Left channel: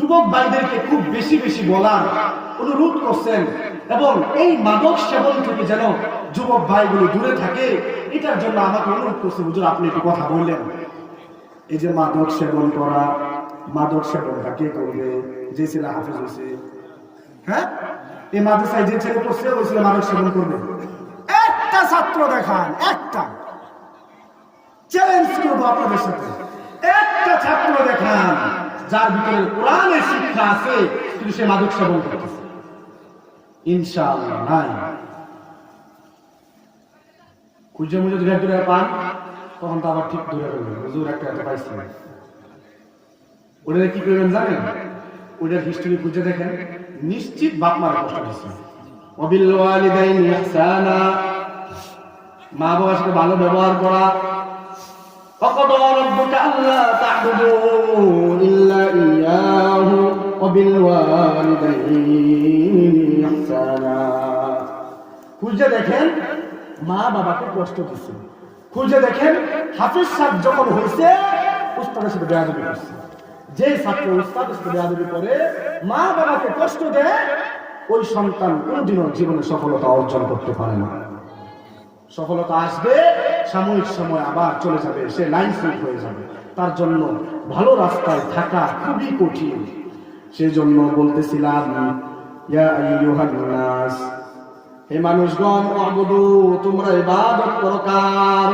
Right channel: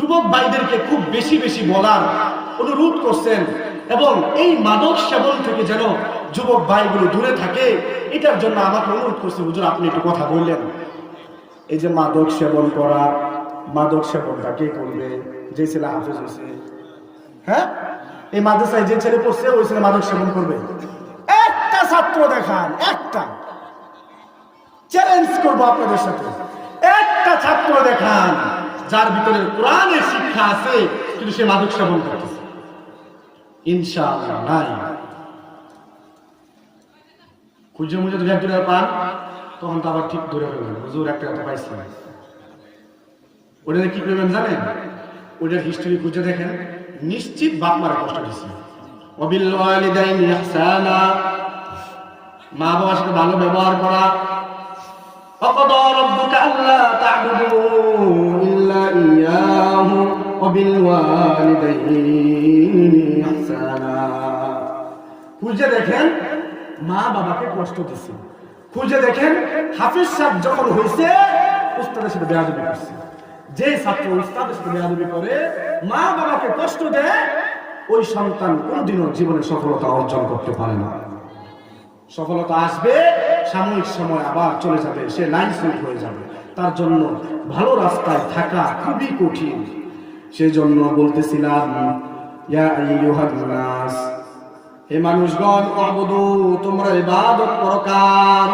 যুবক ভাইদেরকে খুব বেশি বেশি বলার অনুরোধ করছেন এবং এই মাদক সেবন থেকে যেন যুবক ভাইগুলো দূরে থাকে, এটার জন্য আমাকে অনুরোধ করছে, হুজুর আপনি একটু কথা বললেন। এই যে মাদক সেবন করা, মাদক সেবনটা কে করবে? যে ছেলে হাফেজ হয়েছে, হ্যাঁ, এই মাদ্রাসায় যে ছেলে পড়ছে ওই ছেলে মাদক সেবন করবে? একটা ছাত্র দেখান, একটা, চ্যালেঞ্জ করবো আপনাদের সাথে, একটা ছাত্র দেখান যার ভিতরে কোরআনের শিক্ষা আছে কিন্তু সে মাদক সেবন করতেছে। ইনশাআল্লাহ নাই। খুঁজে মুজে দু এক পান, তখন তো আবার ঠিক ধরে ফেলবেন, হুজুর একটা পাইছে। ওটা কি করবেন জানেন? ওটার হিস্টরি খুঁজে দেখেন, নিশ্চিত বাপ মারা কষ্ট দিচ্ছে। ওয়াবিল ওয়ালিদাইনি ইহসানা, মা বাবার সাথে ভালো ব্যবহার করা। وقضى ربك ألا تعبدوا إلا إياه وبالوالدين إحسانا। খুঁজে দেখেন মা বাবাকে কষ্ট দিচ্ছে। খুঁজে দেখেন হাফেজ সাহেব যখন হয়েছে উস্তাদের সাথে বেয়াদবি করছে। যে ছাত্র উস্তাদের সাথে বেয়াদবি করে, মা বাবাকে কষ্ট দেয়, ওই সন্তান কোনোদিনও জীবনে সফলতা অর্জন করতে পারে না। সফলতা আসবে সাময়িক সময়, আবার চলে যাবে, সে লাইন সেট হয়ে যাবে। তার জন্য ভালো রাস্তায় থাকা খুবই কঠিন। সেই জন্য বলতেছিলাম, ইয়া আইয়ুহান নাস, হে মানুষগণ, উবুদু, তোমরা ইবাদত করো কার?